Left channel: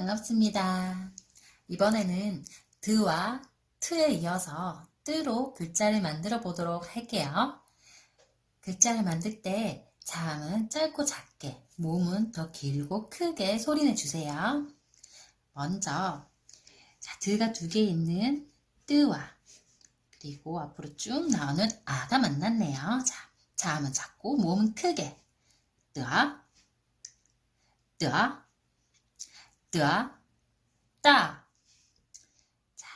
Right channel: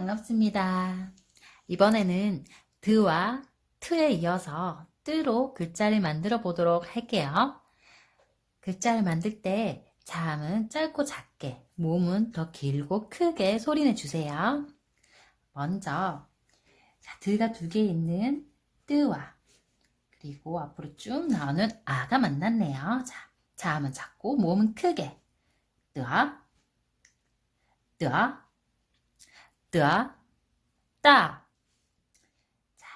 반갑습니다. 이번에는 드와 트에 이어서 뜨로 글자를 만들어 보도록 할게요. 글자를 만들 때 자음은 짧고 작게, 모음은 더 길고 크게 소리내 주세요. 먼저 자, 드가 두 개 있는 뜨와 그리고 앞으로 쭉 나오는 아가 만났네요. 자, 자음은 작고 모음은 크게 뜨아 뜨아 뜨아 따. 자,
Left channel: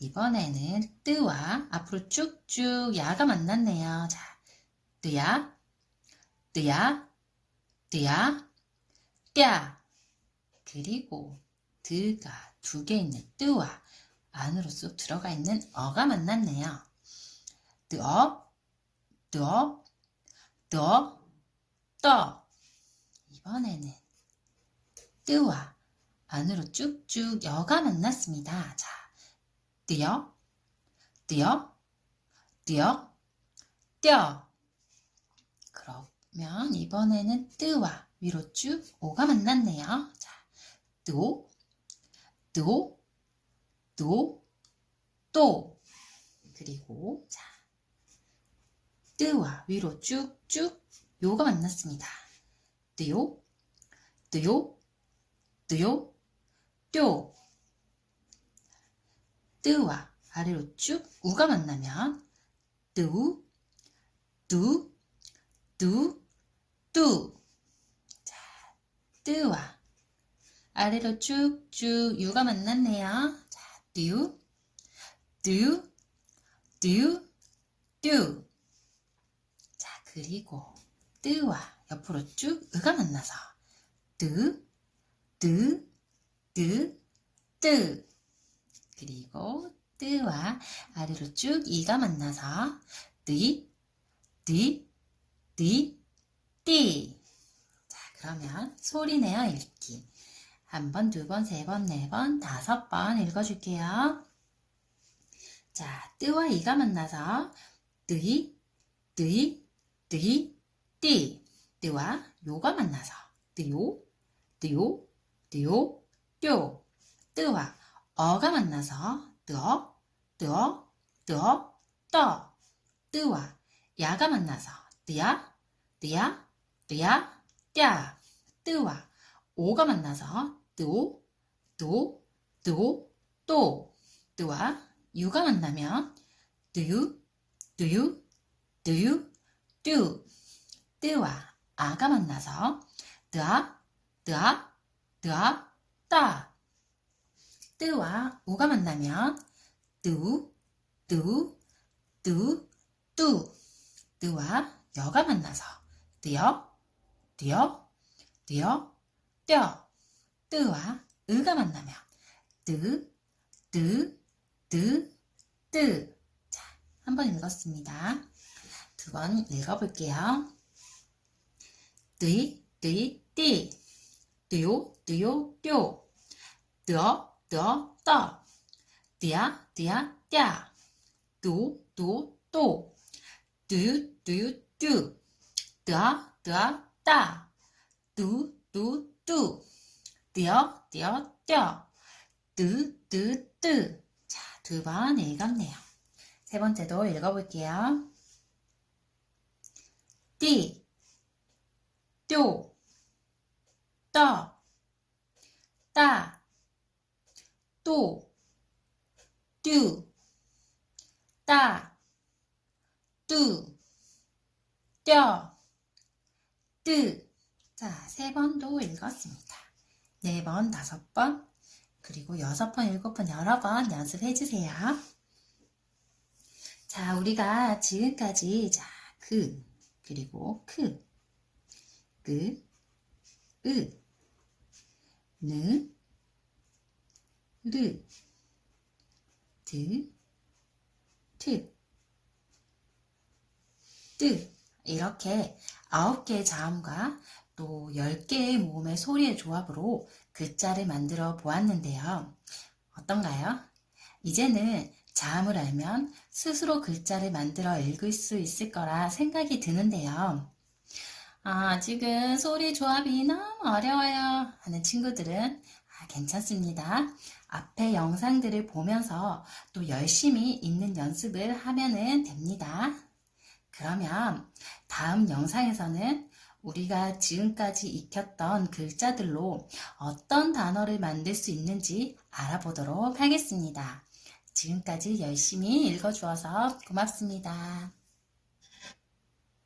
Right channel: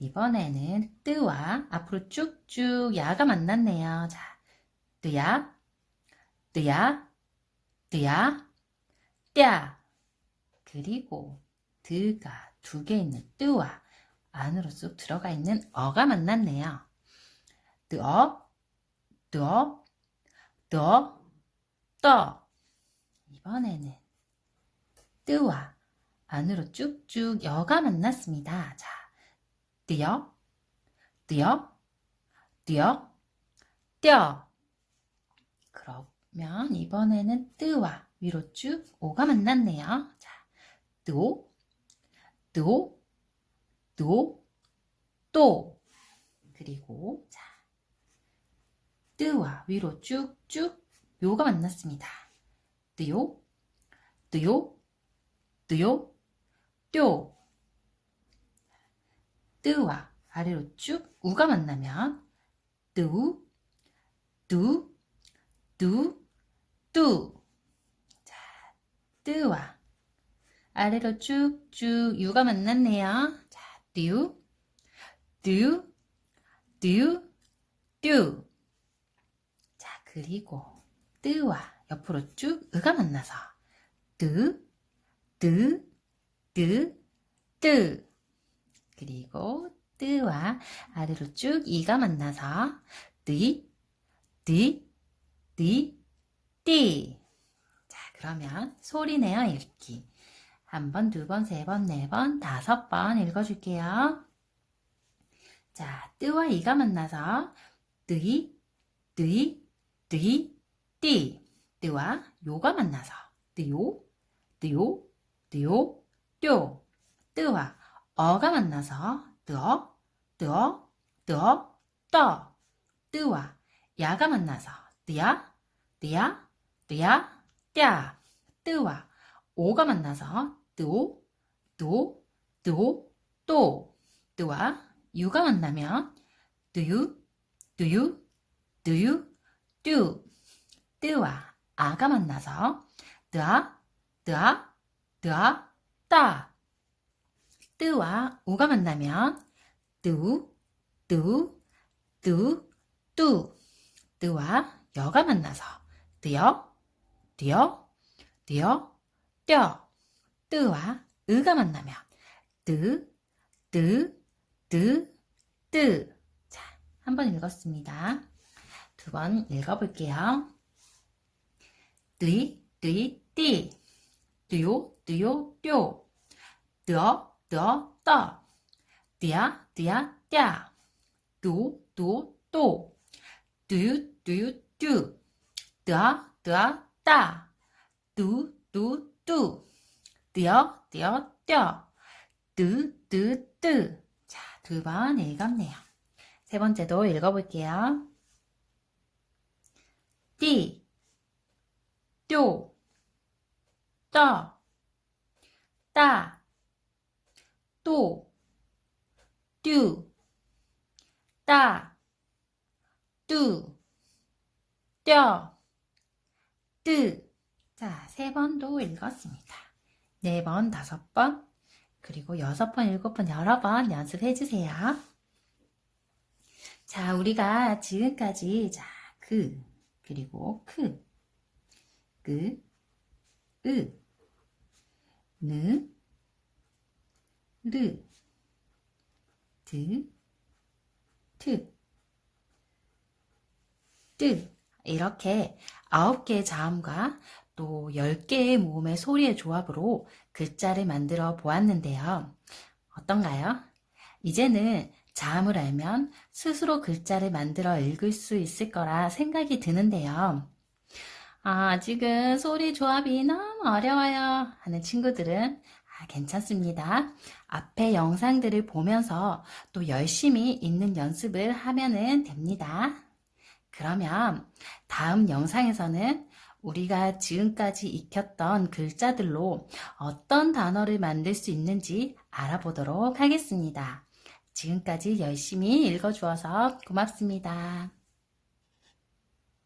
이번에는 뜨와 앞으로 쭉쭉 야가 만났네요. 자, 뜨야, 뜨야, 뜨야, 떼야. 그리고 드가 두 개 있는 뜨와 안으로 쏙 들어가 있는 어가 만났네요. 뜨어, 뜨어, 뜨어, 떠. 이번에는 뜨와 안으로 쭉쭉 여가 만났습니다. 자, 뛰어, 뛰어, 뛰어, 뛰어. 그러면 이번에는 뜨와 위로 쭉 오가 만났네요. 자, 뜨오, 뜨오, 뜨오, 또. 그리고 자, 뜨와 위로 쭉쭉 요가 만났습니다. 뜨요, 뜨요, 뜨요, 뚤. 뜨와 아래로 쭉 우가 만나면 뜨우, 뚜, 뚜, 뚜. 자, 뜨와 아래로 쭉쭉 유가 만났네요. 자, 뚜, 뚜, 뚜, 뚜. 자, 그리고 뜨와 옆으로 쭉 으가 만나서 뜨, 뜨, 뜨, 뜨. 그리고 뜨와 아래로 쭉 이가 만나서 뜨, 뜨, 뜨, 띠. 자, 그러면 소리 내어 읽기. 한 번, 두 번, 세 번, 네 번, 다섯 번 읽어줄게요. 자, 뜨와 이가 만나서 뜨이, 뜨이, 뜨이, 띠. 뜨와 요가 만나서 뜨요, 뜨요, 뜨요, 뚤. 뜨와 어가 만나서 뜨어, 뜨어, 뜨어, 떠. 뜨와 야가 만나서 뜨야, 뜨야, 뜨야, 떼야. 뜨와 오가 만나서 뜨오, 뜨오, 뜨오, 또. 뜨와 유가 만나면 뜨유, 뜨유, 뜨유, 뚜. 뜨와 아가 만나서 뜨아, 뜨아, 뜨아, 따. 뜨와 우가 만나면 뜨우, 뜨우, 뜨우, 뚜. 뜨와 여가 만나서 뜨여, 뜨여, 뜨여, 떼어. 뜨와 으가 만나면 뜨, 뜨, 뜨, 뜨. 자, 한번 읽었습니다. 두 번 읽어볼게요. 뜨이, 뜨이, 띠. 뜨요, 뜨요, 뚤. 뜨어, 뜨어, 떠. 뜨야, 뜨야, 떼야. 뚜, 뚜, 뚜유, 뚜. 뜨아, 뜨아, 따. 뚜, 뚜, 뚜. 뜨여, 뜨여, 떼어. 뜨, 뜨, 뜨. 자, 두 번 읽었네요. 세 번째도 읽어볼게요. 띠, 뚤, 떠, 따, 또, 뚜, 따, 뚜, 떼어, 뜨. 자, 세 번도 읽었습니다. 네 번, 다섯 번, 그리고 여섯 번, 일곱 번, 여러 번 연습해 주세요. 자, 우리가 지금까지 자, 그, 그리고 크, 그, 으, 느, 르, 드, 트, 뜨 이렇게 아홉 개의 자음과 또열 개의 모음의 소리의 조합으로 글자를 만들어 보았는데요. 어떤가요? 이제는 자음을 알면 스스로 글자를 만들어 읽을 수 있을 거라 생각이 드는데요. 아, 아직은 소리 조합이 너무 어려워요 하는 친구들은 아, 괜찮습니다. 앞에 영상들을 보면서 또 열심히 읽는 연습을 하면은 됩니다. 그러면 다음 영상에서는 우리가 지금까지 익혔던 글자들로 어떤 단어를 만들 수 있는지 알아보도록 하겠습니다. 지금까지 열심히 읽어주어서 고맙습니다.